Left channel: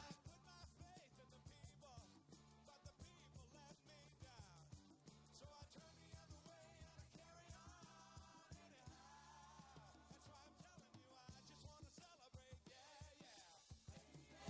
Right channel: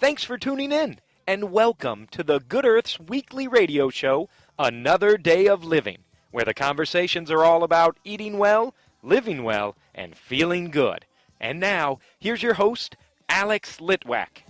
Thanks for tuning in, and welcome to the Good Earth's weekly radio show, Another Day of Living, where the conversations are all about eating well, living well, and feeling good. And now, here's your host, Alex Litwack.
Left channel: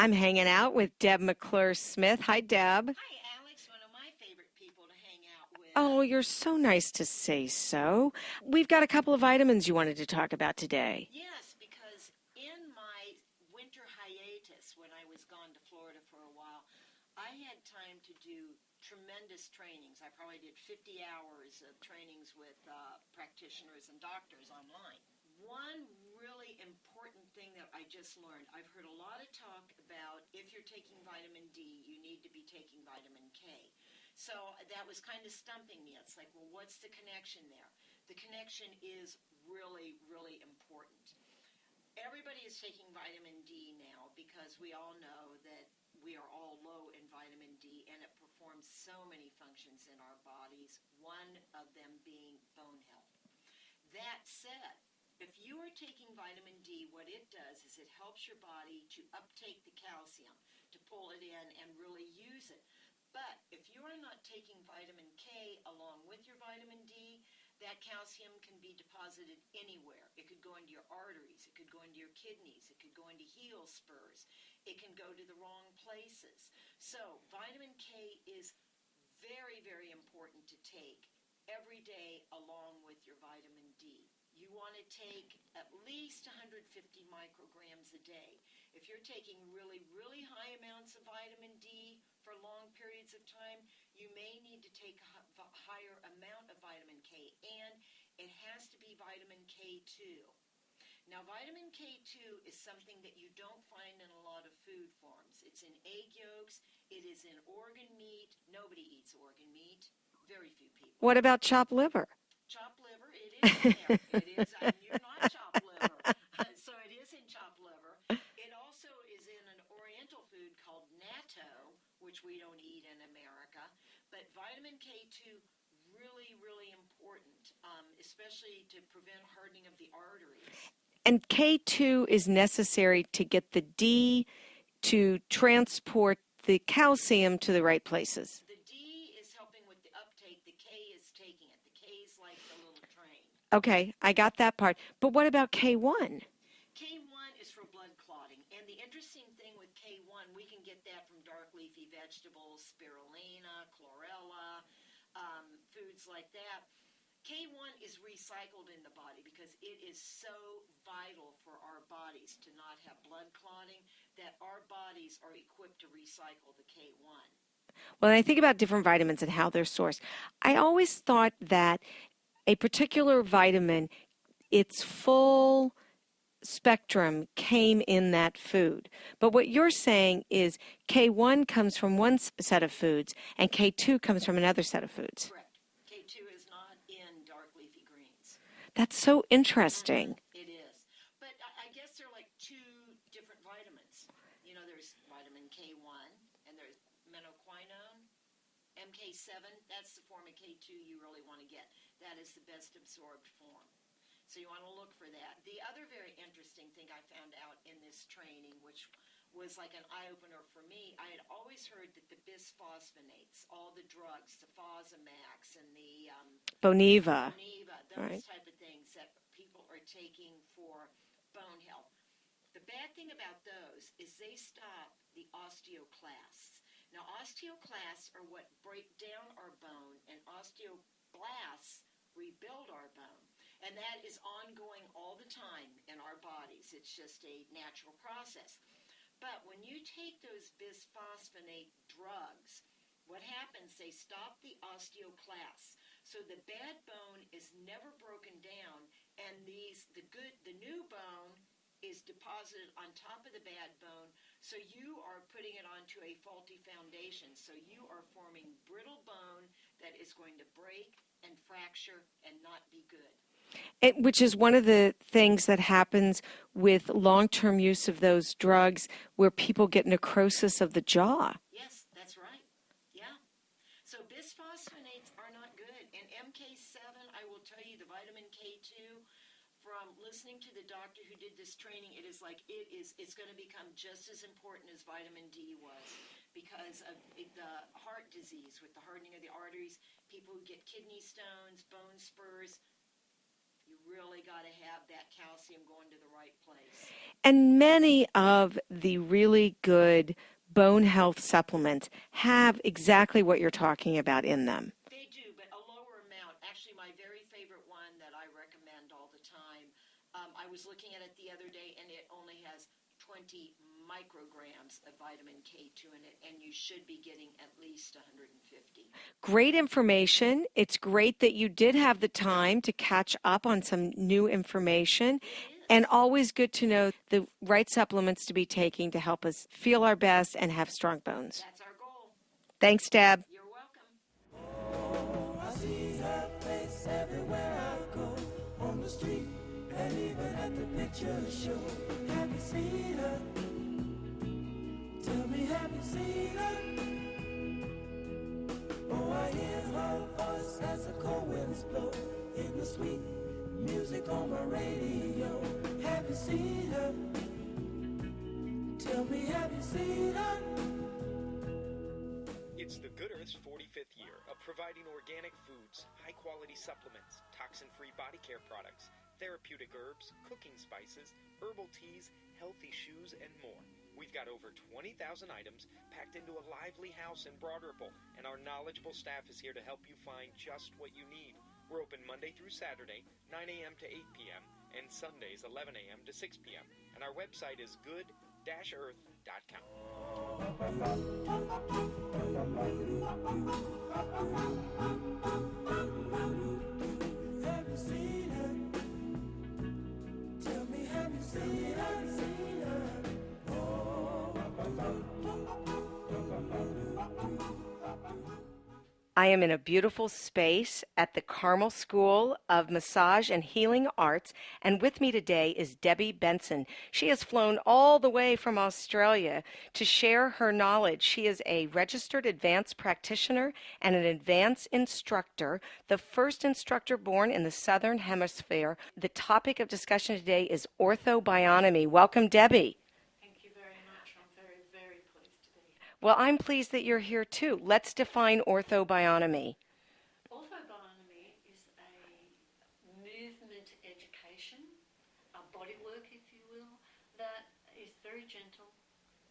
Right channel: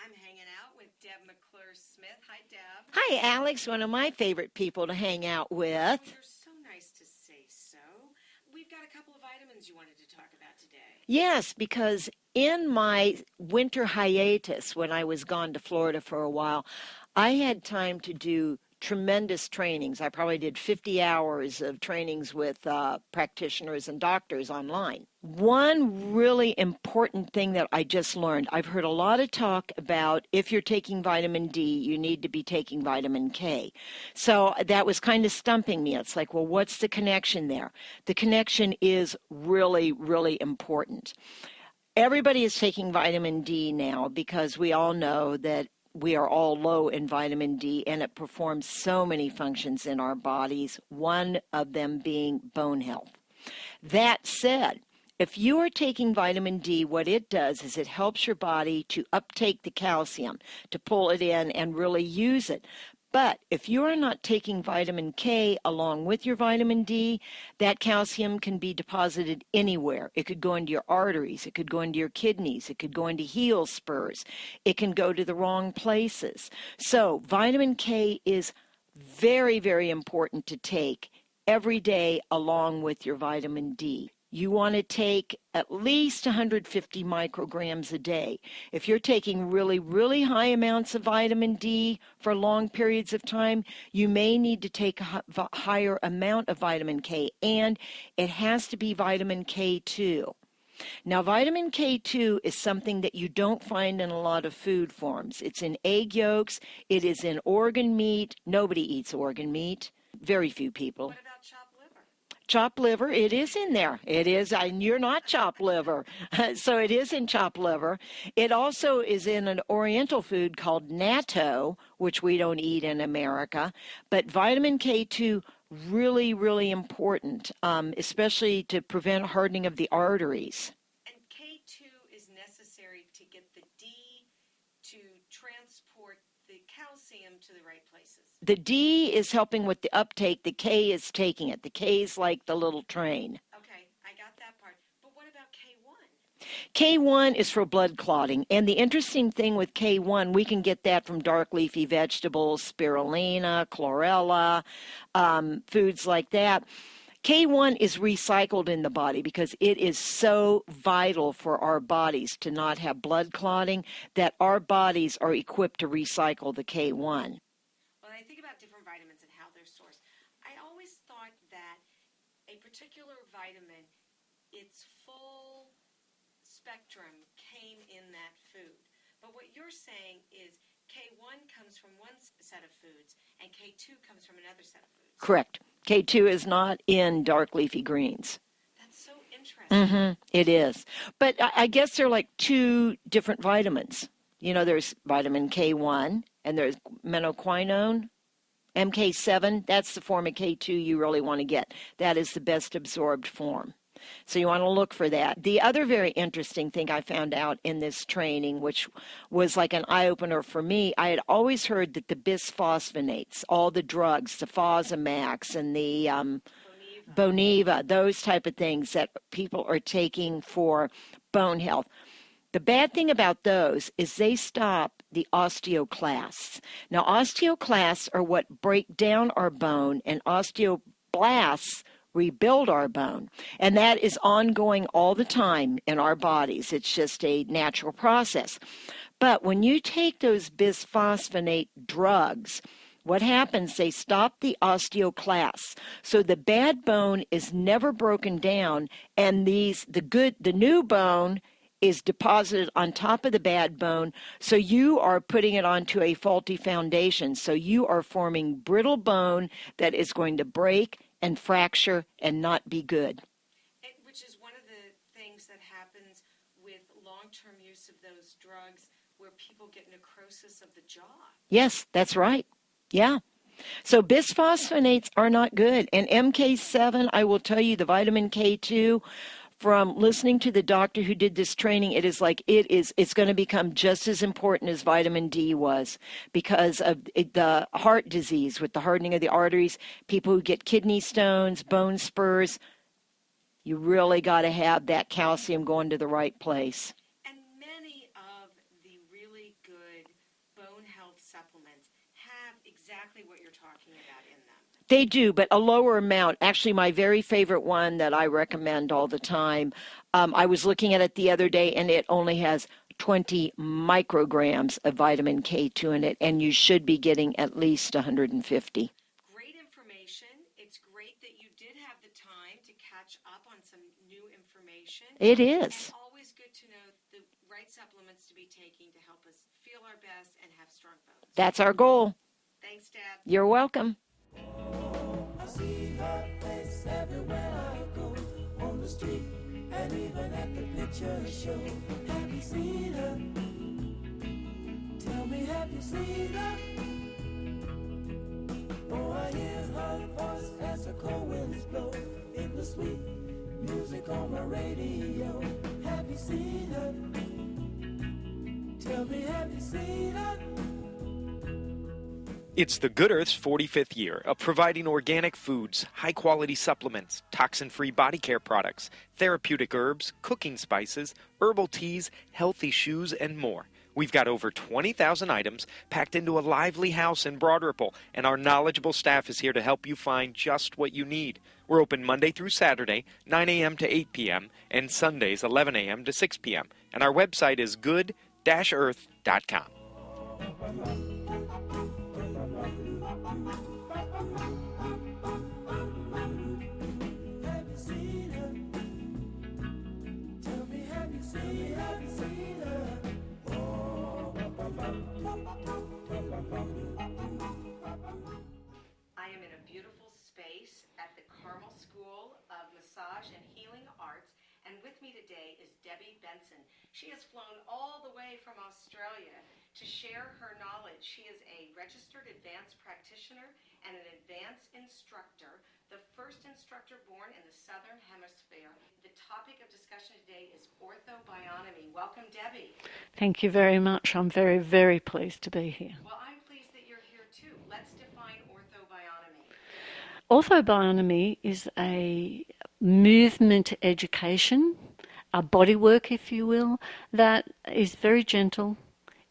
I'm hanging out with Deb McClure-Smith. Hi, Deb. Hi, Alex, one of my favorite people to hang out with. Oh, you're so nice to say so. We've got a couple of vitamins you wanted to talk about today. Yes, because in my winter hiatus, when I was gone to Florida for a while, I had time to do tremendous trainings. I probably did 50 hours of trainings with practitioners and doctors online. One really important thing that I just learned, I've heard a lot of talk about if you're taking vitamin D, you need to be taking vitamin K. So that was kind of stumping me. It's like, well, what's the connection there? The connection is really, really important. Everybody is taking vitamin D now because we all know that we are all low in vitamin D, and it performs so many functions in our bodies, one of them being bone health. That said, if you are taking vitamin D, what it does is it helps your body to uptake the calcium, to pull it in and really use it. But if you are not taking vitamin K along with your vitamin D, that calcium can be deposited anywhere. It could go into your arteries, it could go into your kidneys, it could go into heel spurs, it can go to the wrong places. So vitamin K is very, very important to take every day along with your vitamin D. You want to take at least 150 micrograms a day. If you're taking really, really high amounts of vitamin D for long periods of time, you may need to take a higher amount of vitamin K, and it has to be vitamin K2. Now, vitamin K2 is something that you don't find in a lot of food forms. It's in egg yolks. It is in organ meat. Nobody eats organ meat. Very few people. What about chopped liver? Chopped liver, it is in there. It is, and you're not chopped liver. So it is in chopped liver. It also is in an oriental food called natto, which we don't eat in America. But vitamin K2, really, really important, especially to prevent hardening of the arteries. And K2 is necessary to get the D to transport the calcium to the right places. The D is helping with the uptake. The K is taking it. The K is like the little train. Okay, I got that part. But what about K1? K1 is for blood clotting. And the interesting thing with K1, we can get that from dark leafy vegetables, spirulina, chlorella, foods like that. K1 is recycled in the body because it is so vital for our bodies to not have blood clotting that our bodies are equipped to recycle the K1. Well, when I think about different vitamins and how they're sourced, I always thought that a particular vitamin, its full spectrum came in that food. But what you're saying is K1 comes from one set of foods and K2 comes from another set of foods. Correct. K2 is not in dark leafy greens. That's so interesting. Mm-hmm. It is. But I guess there are like two different vitamins. You know, there's vitamin K1 and there's menoquinone, MK7. That's the form of K2 you really want to get. That is the best absorbed form. So you want to look for that. The other very interesting thing I found out in this training, which was like an eye-opener for me, I had always heard that the bisphosphonates, all the drugs, the Fosamax and the Boniva, those type of things that people are taking for bone health. The bad thing about those is they stop the osteoclasts. Now, osteoclasts are what break down our bone, and osteoblasts rebuild our bone. And that is ongoing all the time in our bodies. It's just a natural process. But when you take those bisphosphonate drugs, what happens, they stop the osteoclasts. So the bad bone is never broken down, and the new bone is deposited on top of the bad bone, so you are putting it onto a faulty foundation. So you are forming brittle bone that is going to break and fracture and not be good. Which is one of the things that happens with long-term use of those drugs where people get necrosis of the jaw. Yes, that's right. Yeah. So bisphosphonates are not good. And MK7, I will tell you, the vitamin K2, from listening to the doctor who did this training, it's going to become just as important as vitamin D was because of the heart disease with the hardening of the arteries, people who get kidney stones, bone spurs. You really got to have that calcium going to the right place. And many of the really good bone health supplements have exactly what you're talking about in them. They do, but a lower amount. Actually, my very favorite one that I recommend all the time, I was looking at it the other day, and it only has 20 micrograms of vitamin K2 in it, and you should be getting at least 150. Great information. It's great that you did have the time to catch up on some new information. It is. And always good to know the right supplements to be taking to help us feel our best and have strong bones. That's our goal. Thanks, Deb. You're welcome. It's the Good Earth's 45th year of providing organic foods, high-quality supplements, toxin-free body care products, therapeutic herbs, cooking spices, herbal teas, healthy shoes, and more. We've got over 20,000 items packed into a lively house in Broad Ripple, and our knowledgeable staff is here to help you find just what you need. We're open Monday through Saturday, 9 a.m. to 8 p.m., and Sundays, 11 a.m. to 6 p.m. And our website is good-earth.com. I am in a beautiful space at the Carmel School of Massage and Healing Arts, and with me today is Debby Benson. She has flown all the way from Australia to share her knowledge. She is a registered advanced practitioner and an advanced instructor, the first instructor born in the Southern Hemisphere. The topic of discussion today is Ortho-Bionomy. Welcome, Debby. Thank you very much. I'm very, very pleased to be here. Well, I'm pleased that you're here too. Let's define Ortho-Bionomy. Ortho-Bionomy is a movement education, a bodywork, if you will, that is very gentle,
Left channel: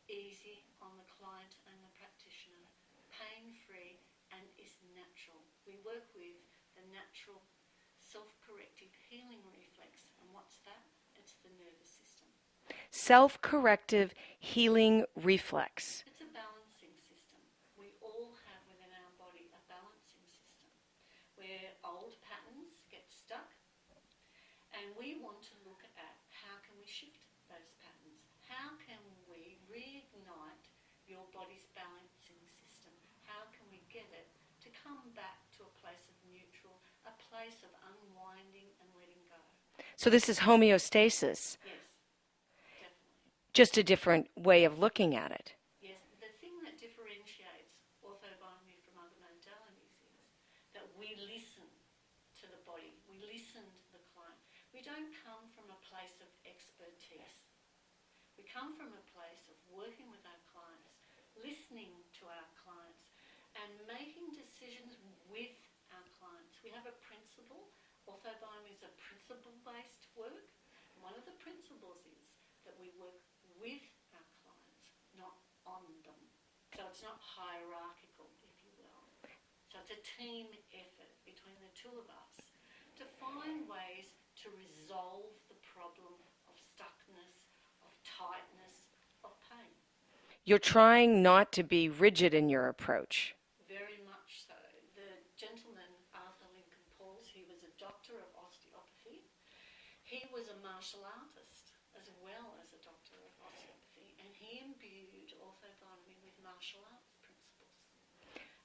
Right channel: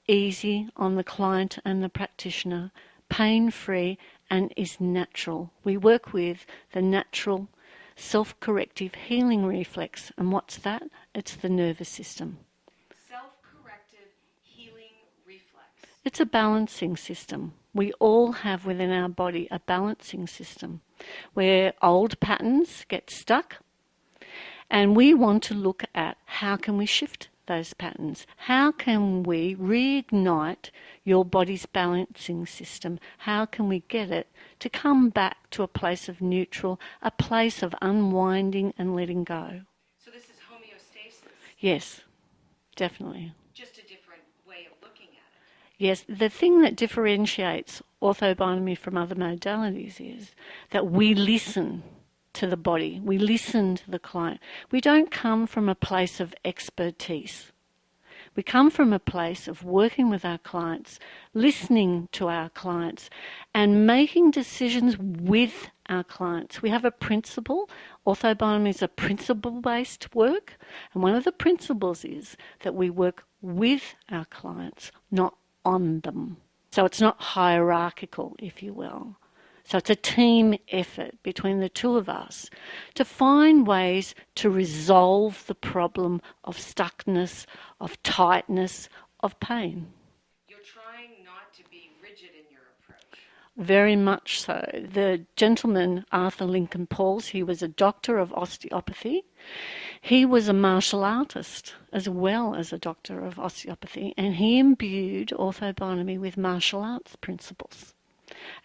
easy on the client and the practitioner, pain-free, and is natural. We work with the natural self-corrective healing reflex. And what's that? It's the nervous system. Self-corrective healing reflex. It's a balancing system. We all have within our body a balancing system where old patterns get stuck, and we want to look at how can we shift those patterns. How can we reignite your body's balancing system? How can we get it to come back to a place of neutral, a place of unwinding and letting go? So this is homeostasis. Yes. Definitely. Just a different way of looking at it. Yes, the thing that differentiates Ortho-Bionomy from other modalities is that we listen to the body. We listen to the client. We don't come from a place of expertise. We come from a place of working with our clients, listening to our clients, and making decisions with our clients. We have a principle. Ortho-Bionomy is a principle-based work, and one of the principles is that we work with our clients, not on them. So it's not hierarchical, if you will. So it's a team effort between the two of us to find ways to resolve the problem of stuckness, of tightness, of pain. You're trying not to be rigid in your approach. Very much so. The gentleman, Arthur Lincoln Pauls, he was a doctor of osteopathy. He was a martial artist as well as a doctor of osteopathy, and he imbued Ortho-Bionomy with martial arts principles.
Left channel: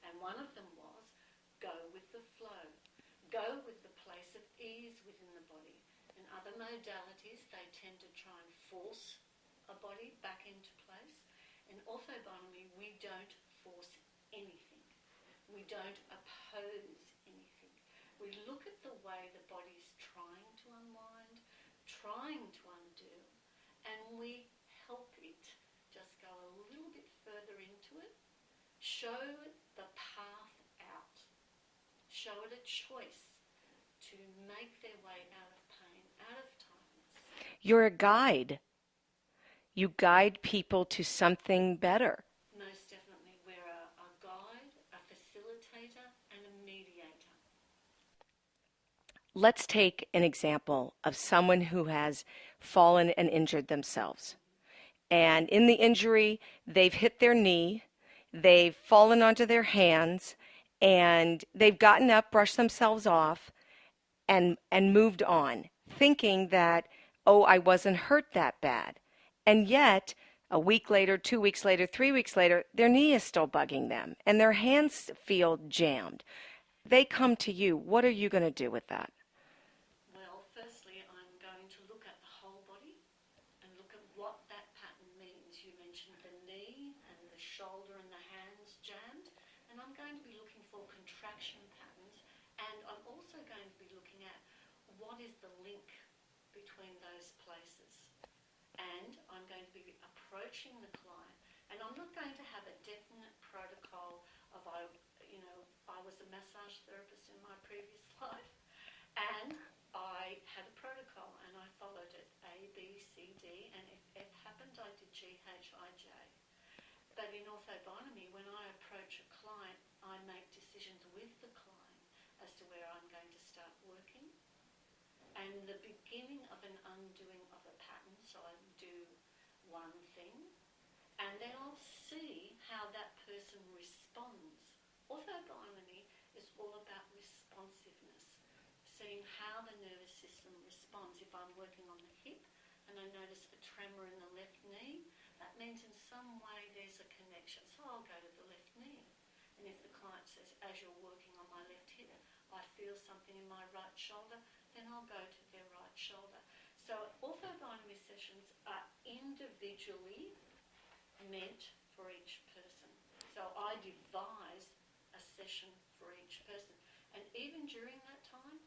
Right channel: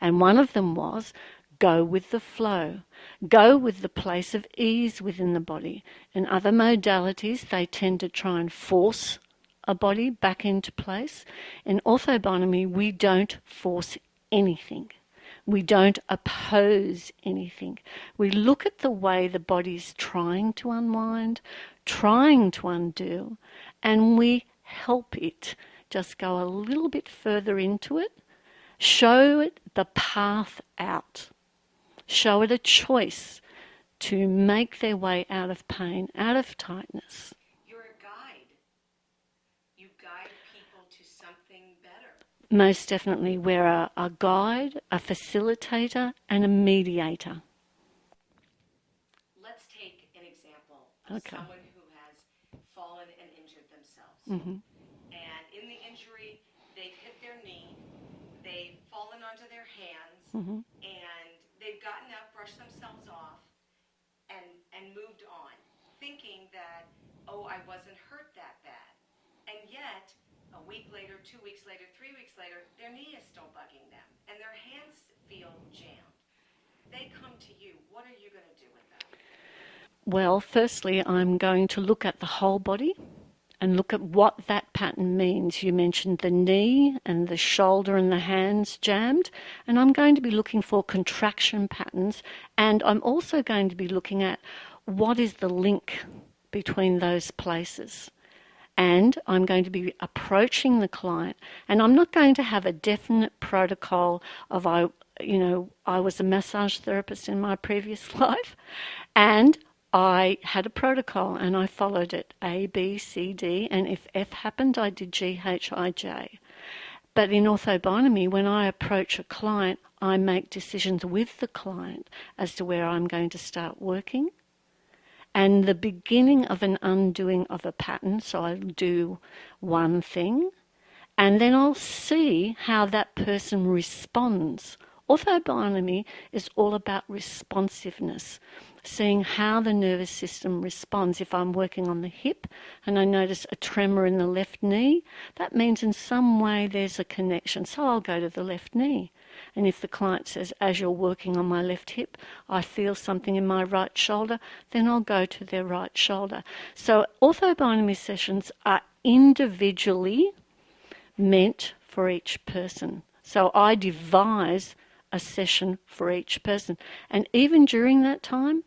And one of them was go with the flow. go with the place of ease within the body. In other modalities, they tend to try and force a body back into place. In ortho-bionomy, we don't force anything. We don't oppose anything. We look at the way the body's trying to unwind, trying to undo, and we help it just go a little bit further into it, show it the path out, show it a choice to make their way out of pain, out of tightness. You're a guide. You guide people to something better. Most definitely, we're a guide, a facilitator, and a mediator. Let's take an example of someone who has fallen and injured themselves. And in the injury, they've hit their knee, they've fallen onto their hands, and they've gotten up, brushed themselves off, and moved on, thinking that, oh, I wasn't hurt that bad. And yet, a week later, 2 weeks later, 3 weeks later, their knee is still bugging them, and their hands feel jammed. They come to you. What are you going to do with that? Well, firstly, I'm going to look at the whole body and look at what that pattern means. You mentioned the knee and the shoulder and the hands jammed, and I'm going to be looking for contraction patterns, and I'm also going to be looking at what is the link between those places. And I'm going to be approaching the client, and I'm not going to have a definite protocol of I was a massage therapist in my previous life, and I had a protocol and I followed it, A, B, C, D, and if F happened, I did G, H, I, J. But in Ortho-Bionomy, when I approach a client, I make decisions with the client as to where I'm going to start working. And the beginning of an undoing of a pattern, so I'll do one thing, and then I'll see how that person responds. Ortho-Bionomy is all about responsiveness, seeing how the nervous system responds. If I'm working on the hip and I notice a tremor in the left knee, that means in some way there's a connection, so I'll go to the left knee. And if the client says, as you're working on my left hip, I feel something in my right shoulder, then I'll go to their right shoulder. So Ortho-Bionomy sessions are individually meant for each person. So I devise a session for each person. And even during that time,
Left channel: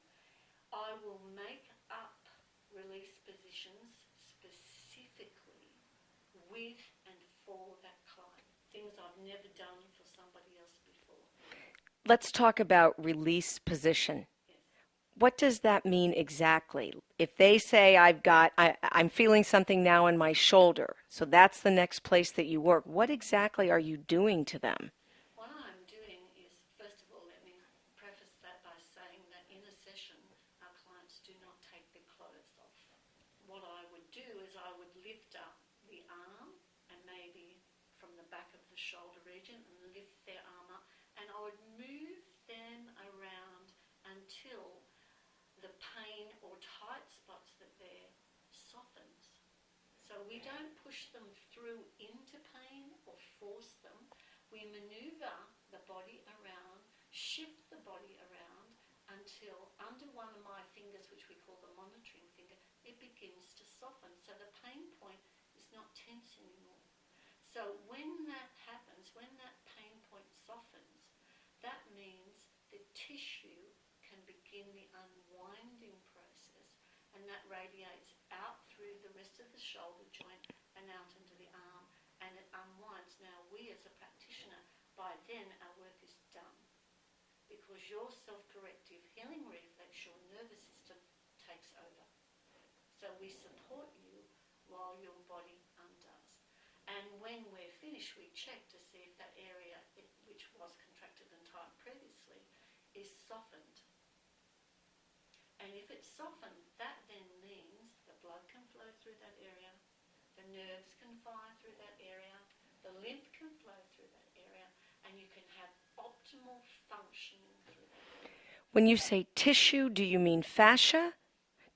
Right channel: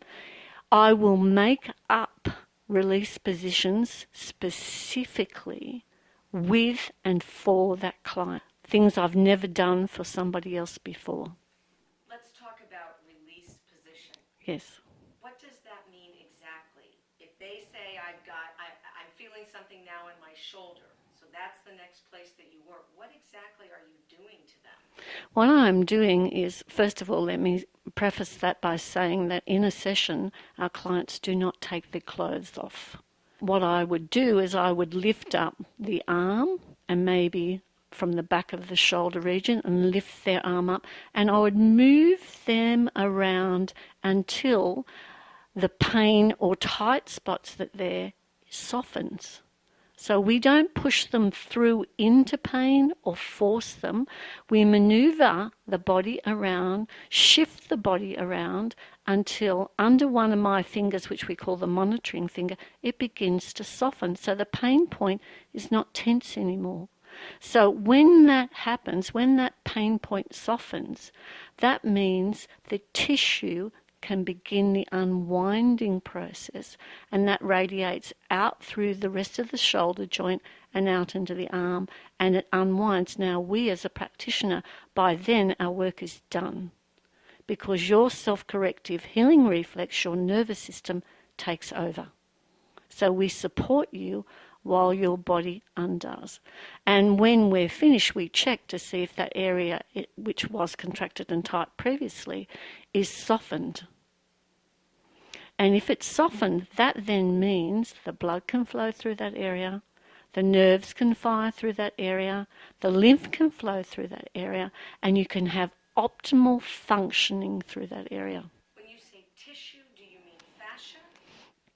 I will make up release positions specifically with and for that client. Things I've never done for somebody else before. Let's talk about release position. Yes. What does that mean exactly? If they say I'm feeling something now in my shoulder, so that's the next place that you work, what exactly are you doing to them? What I'm doing is, first of all, let me preface that by saying that in a session, our clients do not take their clothes off. What I would do is I would lift up the arm and maybe from the back of the shoulder region and lift their arm up, and I would move them around until the pain or tight spots that there softens. So we don't push them through into pain or force them. We maneuver the body around, shift the body around until under one of my fingers, which we call the monitoring finger, it begins to soften. So the pain point is not tense anymore. So when that happens, when that pain point softens, that means the tissue can begin the unwinding process, and that radiates out through the rest of the shoulder joint and out into the arm, and it unwinds. Now we as a practitioner, by then our work is done, because your self-corrective healing reflex, your nervous system, takes over. So we support you while your body undoes. And when we're finished, we check to see if that area, which was contracted and tight previously, is softened. And if it's softened, that then means the blood can flow through that area, the nerves can fire through that area, the lymph can flow through that area, and you can have optimal functioning through that area. When you say tissue, do you mean fascia?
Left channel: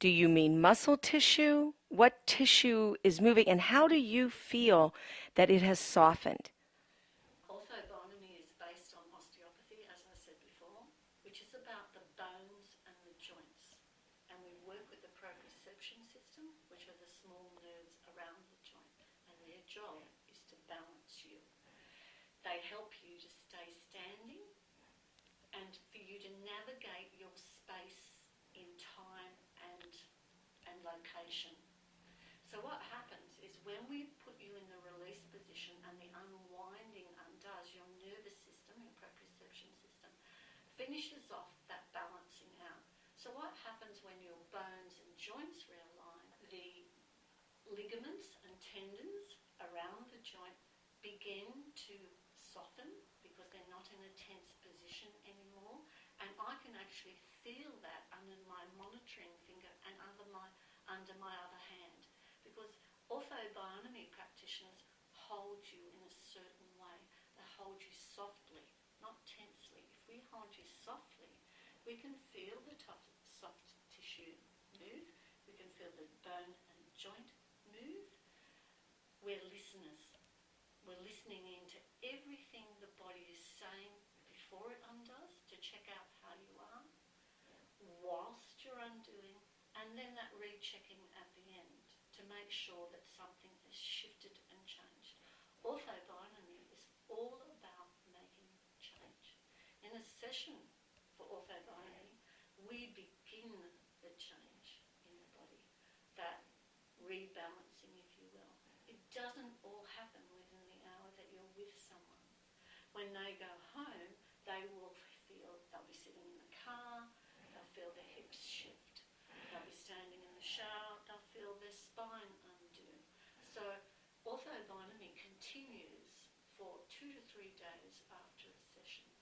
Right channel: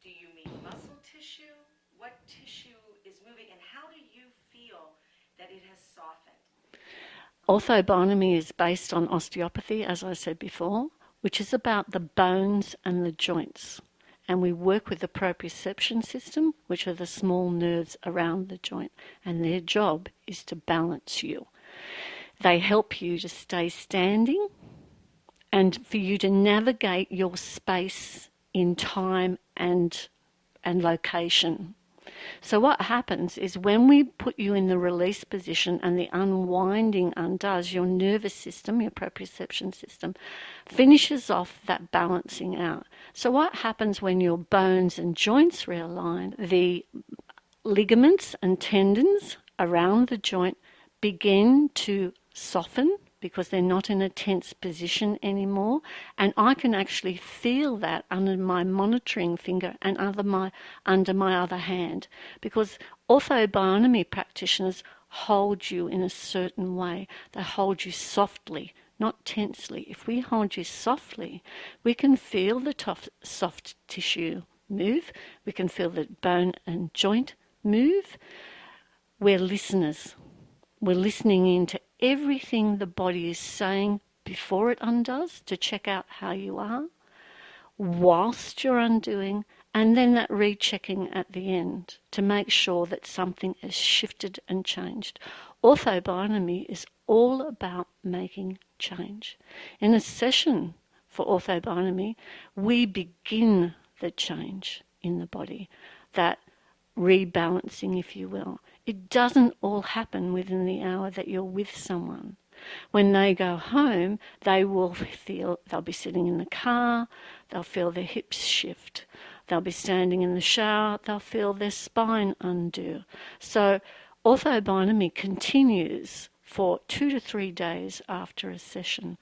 Do you mean muscle tissue? What tissue is moving, and how do you feel that it has softened? Ortho-Bionomy is based on osteopathy, as I said before. which is about the bones and the joints. And we work with the proprioception system, which are the small nerves around the joint, and their job is to balance you. They help you to stay standing and for you to navigate your space in time and location. So what happens is when we put you in the release position and the unwinding undoes, your nervous system, your proprioception system, finishes off that balancing out. So what happens when your bones and joints realign? The ligaments and tendons around the joint begin to soften because they're not in a tense position anymore. And I can actually feel that under my monitoring finger and under my other hand, because OrthoBionomy practitioners hold you in a certain way. They hold you softly, not tensely. If we hold you softly, we can feel the soft tissue move. We can feel the bone and joint move. We're listeners. We're listening in to everything the body is saying before it undoes to check out how you are, whilst you're undoing, and then that rechecking at the end to make sure that something has shifted and changed. OrthoBionomy is all about making change. In a session for OrthoBionomy, we begin the change in the body, that rebalancing, if you will. It doesn't all happen within the hour that you're with someone. When they go home, they'll be sitting in the car, they'll feel their hips shift. They'll be standing in the shower, they'll feel their spine undo. So OrthoBionomy continues for 2 to 3 days after a session.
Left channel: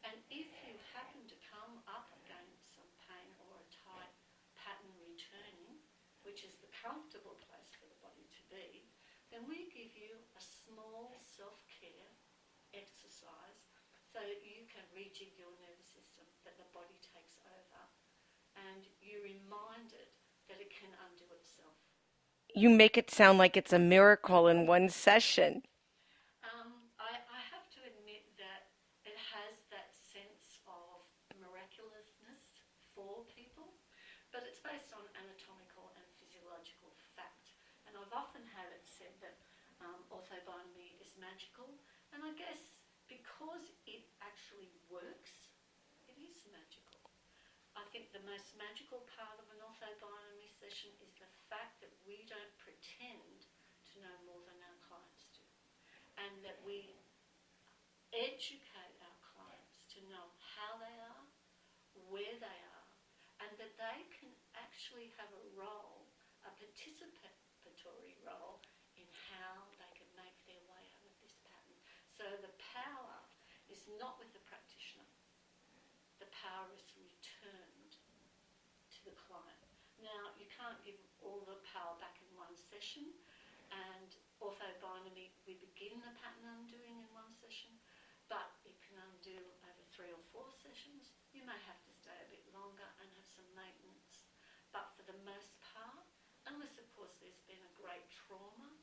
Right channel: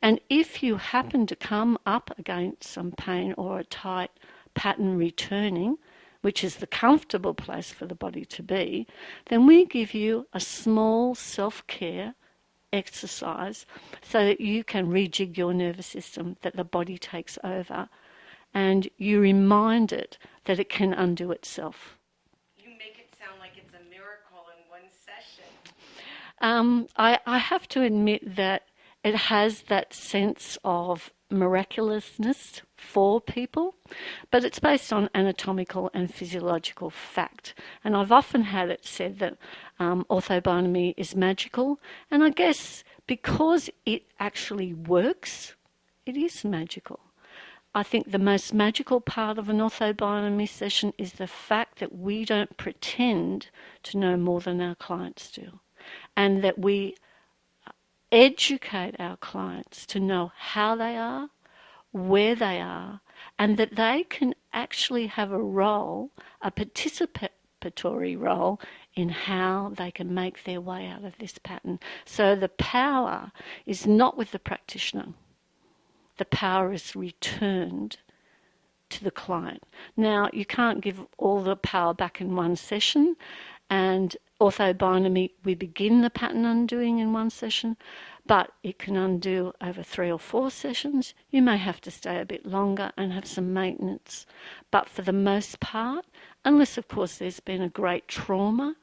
And if you happen to come up against some pain or a tight pattern returning, which is the comfortable place for the body to be, then we give you a small self-care exercise so that you can rejig your nervous system, that the body takes over, and you remind it that it can undo itself. You make it sound like it's a miracle in one session. I have to admit that it has that sense of miraculousness for people, but it's based on anatomical and physiological fact. And I've often had it said that OrthoBionomy is magical, and I guess because it actually works, it is magical. I think the most magical part of an OrthoBionomy session is the fact that we don't pretend to know more than our clients do, and that we educate our clients to know how they are, where they are, and that they can actually have a role, a participatory role, in how they can make their way out of this pattern. So the power is not with the practitioner. The power is returned to the client. Now, you can't give all the power back in one session, and OrthoBionomy, we begin the pattern undoing in one session, but it can undo over 3 or 4 sessions. You may have to stay a bit longer and have some maintenance. But for the most part, unless of course there's been a great trauma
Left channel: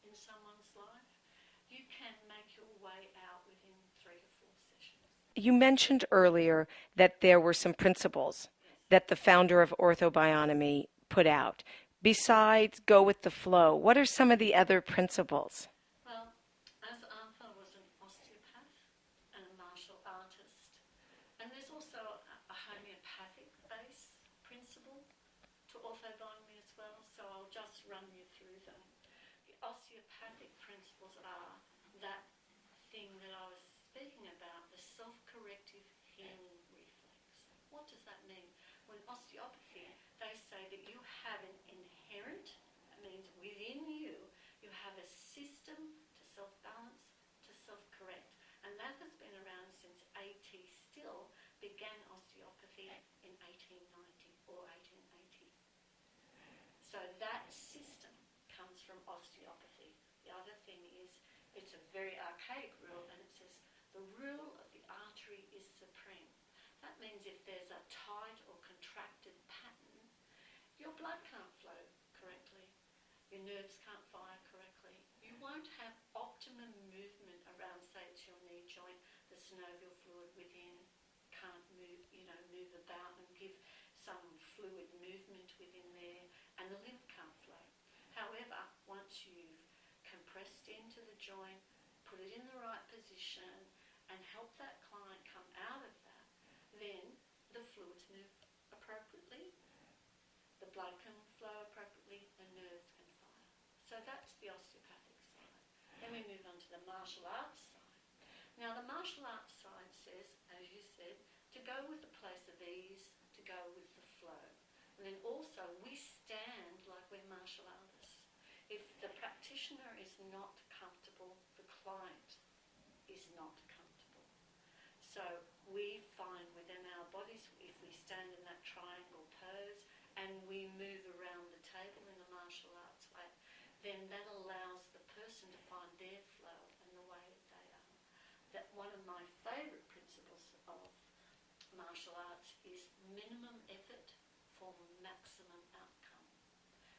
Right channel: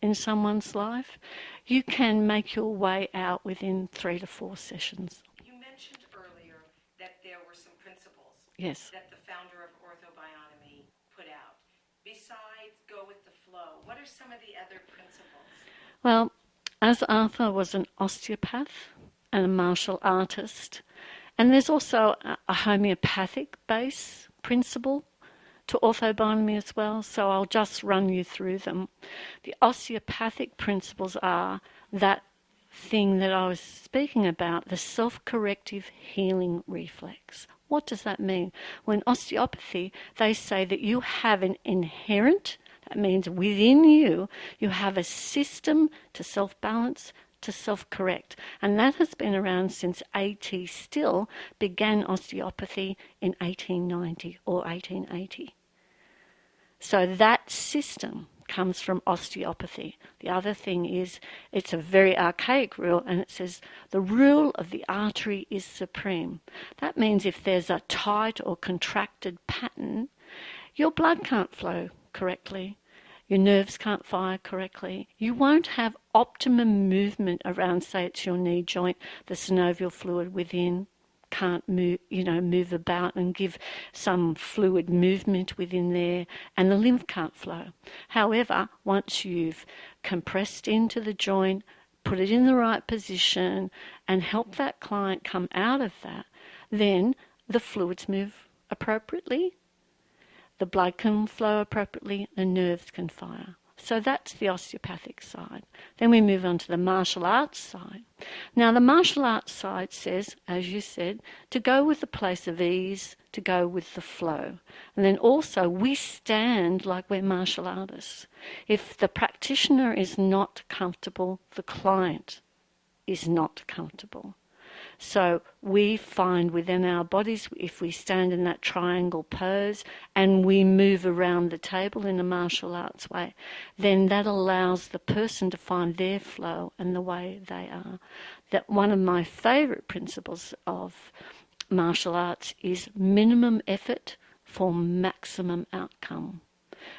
in someone's life, you can make your way out within 3 to 4 sessions. You mentioned earlier that there were some principles Yes. that the founder of OrthoBionomy put out. Besides go with the flow, what are some of the other principles? Well, as Arthur was an osteopath and a martial artist, and there's also a homeopathic base principle to OrthoBionomy as well, so I'll just run you through them. The osteopathic principles are that thing that I was speaking about, the self-corrective healing reflex. What does that mean? Well, in osteopathy, they say that you have an inherent, that means within you, you have a system to self-balance, to self-correct. And that has been around since A.T. Still began osteopathy in 1890 or 1880. So that system comes from osteopathy. The other thing is, it's a very archaic rule, and it says the rule of the artery is supreme. That means if there's a tight or contracted pattern, your blood can't flow correctly, your nerves can't fire correctly. You won't have optimum movement around, say it's your knee joint, the synovial fluid within can't move, move about and give some fluid movement within there, and the lymph can't flow. However, once you've compressed into the joint, put it in the right position, and help that client come out of that, then the fluids move appropriately, the blood can flow appropriately, the nerves can fire. So that's the osteopathic side. Then we move on to the martial arts side. Now, the martial arts side says, as you said, to go with the place of ease, to go with the flow. And then also, we stand like we're martial artists. If the practitioner is not comfortable, the client is not comfortable. So we find within our bodies, if we stand in that triangle pose and we move around the table in a martial arts way, then that allows the person to find their flow and the way they are. That one of my favourite principles of martial arts is minimum effort for maximum outcome.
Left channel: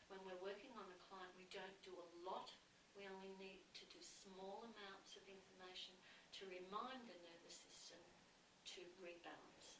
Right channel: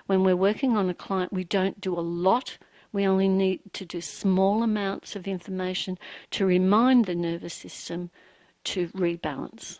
When we're working on a client, we don't do a lot. We only need to do small amounts of information to remind the nervous system to rebalance.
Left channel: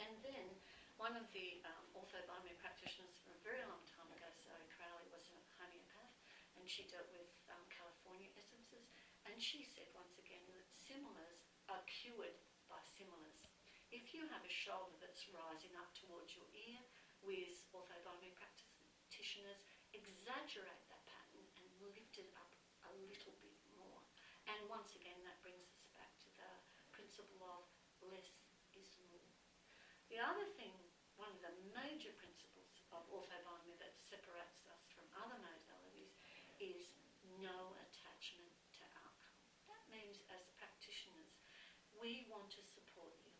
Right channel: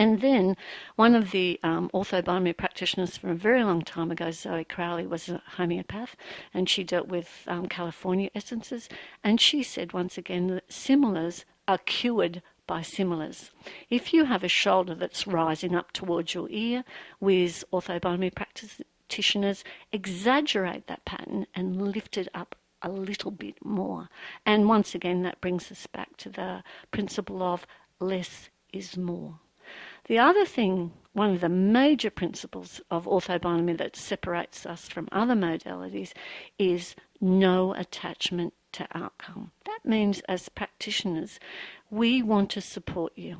And then one of the Ortho-Bionomy practitioners from a very long time ago, Zoe Crowley, was a homeopath, and she dealt with California essences. And she said once again that similars are cured by similars. If you have a shoulder that's rising up towards your ear, with Ortho-Bionomy practitioners exaggerate that pattern and lift it up a little bit more. And once again, that brings us back to the principle of less is more. The other thing, one of the major principles of Ortho-Bionomy that separates us from other modalities is no attachment to outcome. That means as practitioners, we want to support you.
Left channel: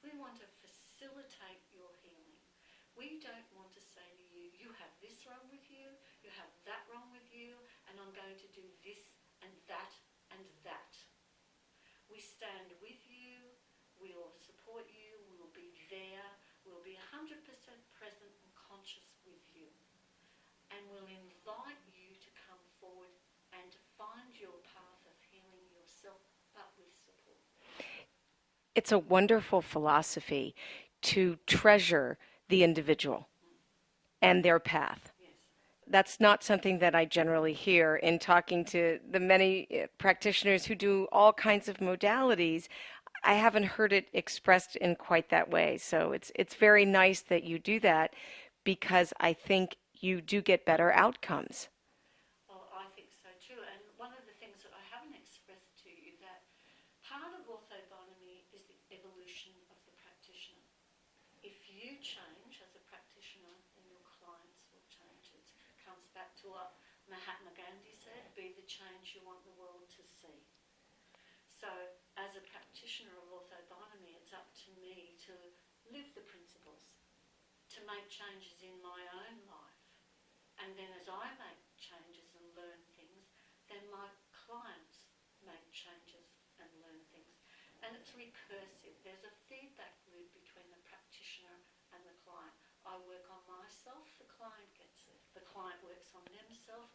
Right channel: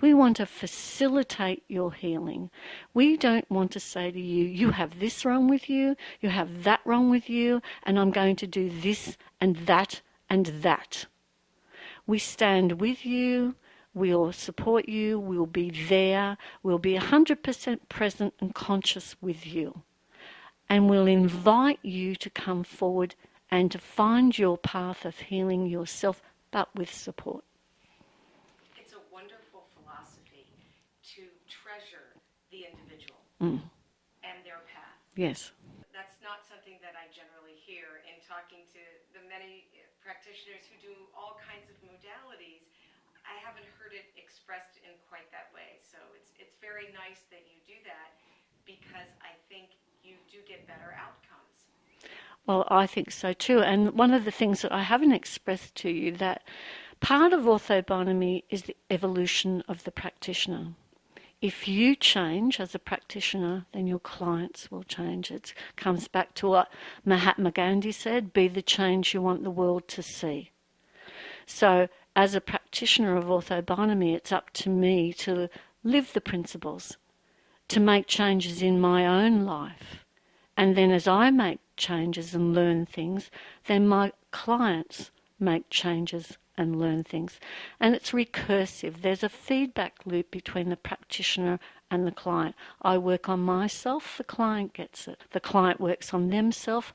We want to facilitate your healing. We don't want to say to you, you have this wrong with you, you have that wrong with you, and I'm going to do this and that and that. We stand with you, we'll support you, we'll be there, we'll be 100% present and conscious with you. And we'll invite you to come forward and to find your path of healing yourself, but with support. It's a wonderful philosophy to treasure the individual and their path. Yes. That's not something that I generally hear in talking to the many practitioners who do all kinds of modalities. I haven't heard it expressed in quite that way. So it's very nice that you do that, because I think you do get better outcomes. Well, I think so too. And one of the things that I haven't expressed to you, that part of Ortho-Bionomy is the evolution of the practitioner. If you change as a practitioner, then your clients will change. It comes back to what Mahatma Gandhi said, be the change you want the world to see. So as a practitioner of Ortho-Bionomy, it's up to me to live the principles, to make changes in my own life. And then as I make changes and learn things, then my clients make changes and learn things. And it's recursive. There's a feedback loop between the practitioner and the client. I work on myself, the client gets it. The client works on themselves,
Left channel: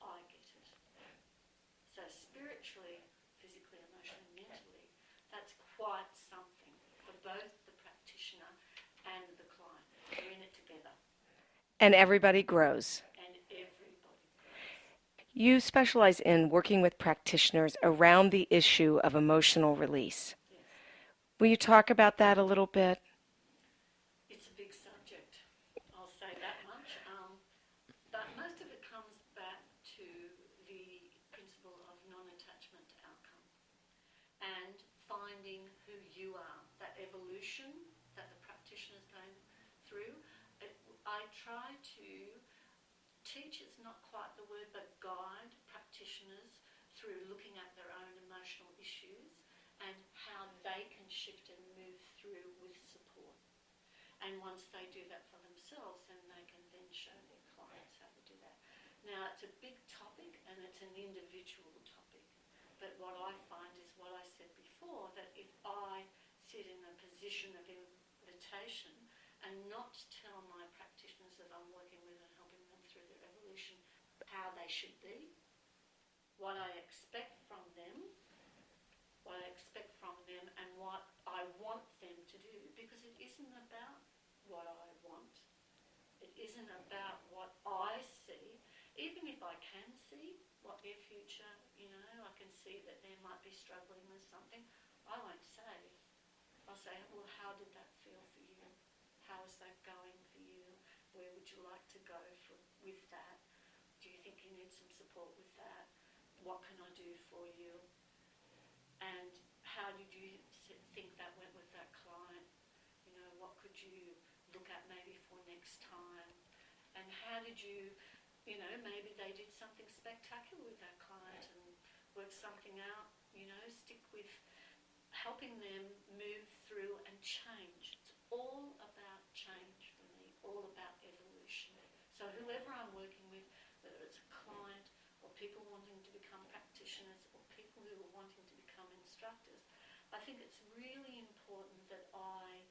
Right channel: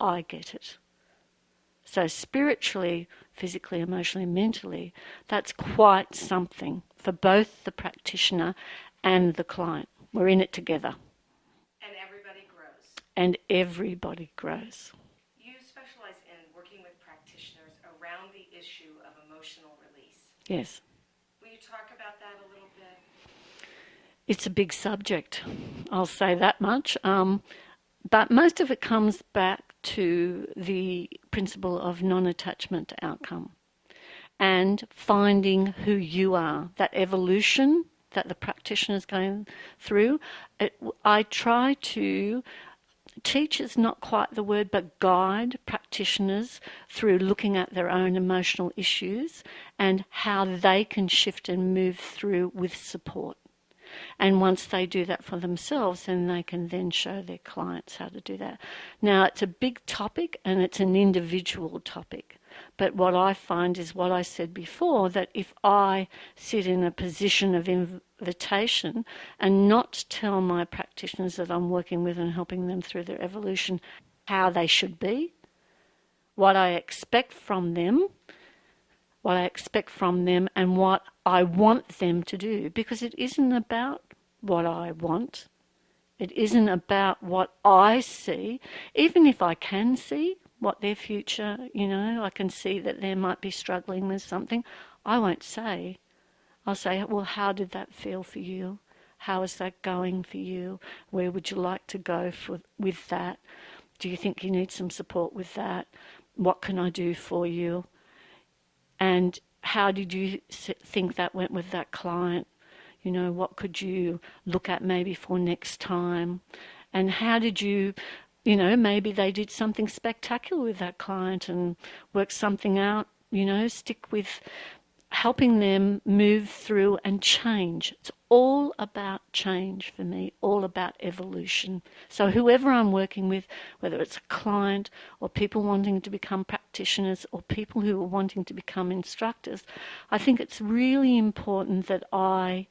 I get it. So spiritually, physically, emotionally, mentally, that's quite something for both the practitioner and the client. We're in it together. And everybody grows. And everybody grows. You specialize in working with practitioners around the issue of emotional release. Yes. Will you talk about that a little bit? It's a big subject, I'll say that much. But most of it comes back to the principle of non-attachment to outcome and finding who you are, that evolution that the practitioner is going through. I try to teach is not quite the word, but guide practitioners through looking at their own emotional issues and how they can shift and move through with support. And once they do that for themselves, then they can then show their clients how to do that. Now, it's a big topic and it's an individual topic. But what I find is what I said before, that if I sit in a position of invitation and not tell my practitioners that I'm working with and helping them through their evolution how they should be, what I expect from them, what I expect from them, and what I want them to do, because it isn't about what I want. It isn't about what I see, even if I can see what their future, I can see that they might be struggling with something. I won't say. I'll say, well, how did that feel for you? How is that going for you? Where would you like to go with that? Do you think you need some support with that? What can I do for you? And how did you think that went with that client? What could you look at maybe for next time? And how did you, maybe they did something spectacular with that client and worked something out, stick with helping them move through and change. It's all about change for me, all about evolution. So whoever I'm working with, whether it's a client or people wanting to become practitioners or people who are wanting to become instructors, I think it's really important that I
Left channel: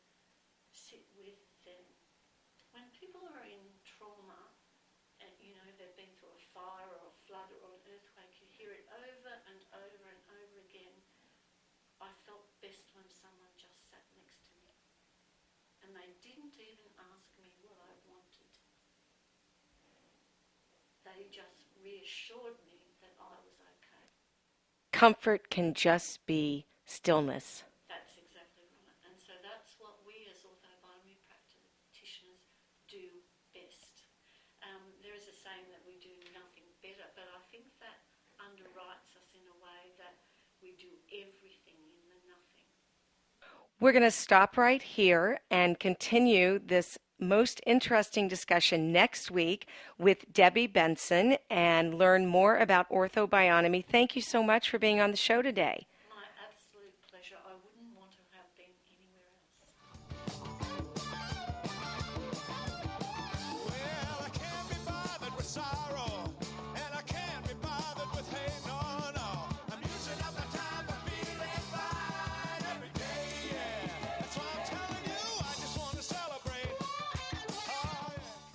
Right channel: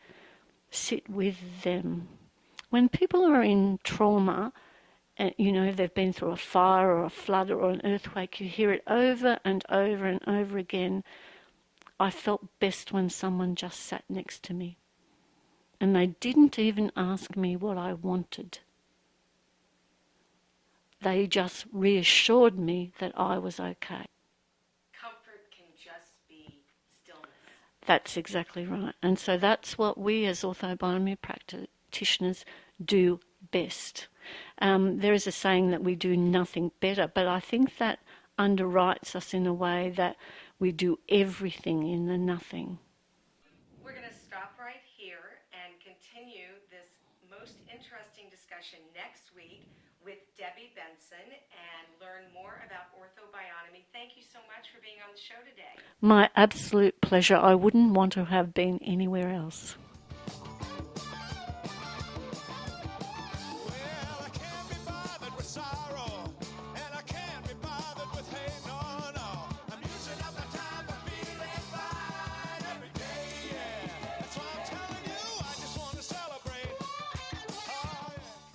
sit with them. When people are in trauma, they've been through a fire or a flood or an earthquake, you hear it over and over and over again. I felt best when someone just sat next to me and they didn't even ask me what I wanted. They just reassured me that I was okay. Comfort can just be stillness. That's exactly right. And so that's what we as OrthoBionomy practitioners do best. There is a saying that we do nothing better, but I think that underwrites us in a way that we do everything in the nothing. We're going to stop right here and continue this most interesting discussion next week with Debby Benson and learn more about Ortho-Bionomy. Thank you so much for being on the show today. My absolute pleasure. I wouldn't want to have been anywhere else.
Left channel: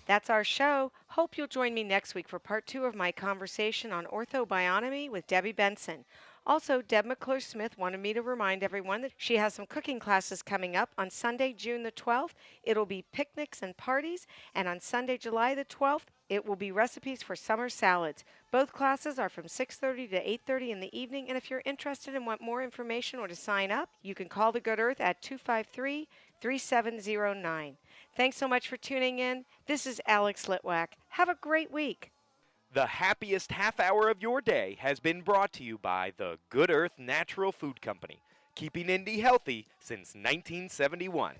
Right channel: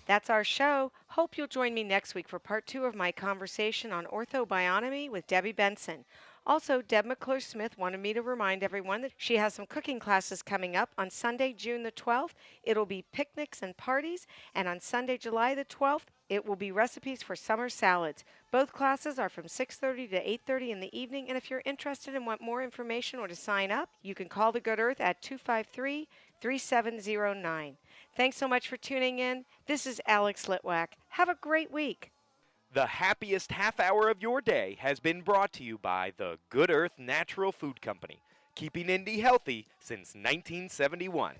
That's our show. Hope you'll join me next week for part 2 of my conversation on Ortho-Bionomy with Debby Benson. Also, Deb McClure-Smith wanted me to remind everyone that she has some cooking classes coming up on Sunday, June the 12th. It'll be picnics and parties, and on Sunday, July the 12th, it will be recipes for summer salads. Both classes are from 6:30 to 8:30 in the evening, and if you're interested and want more information or to sign up, you can call the Good Earth at 253-3709. Thanks so much for tuning in. This is Alex Litwack. Have a great week. The happiest half hour of your day has been brought to you by the Good Earth Natural Food Company, keeping Indy healthy since 1971.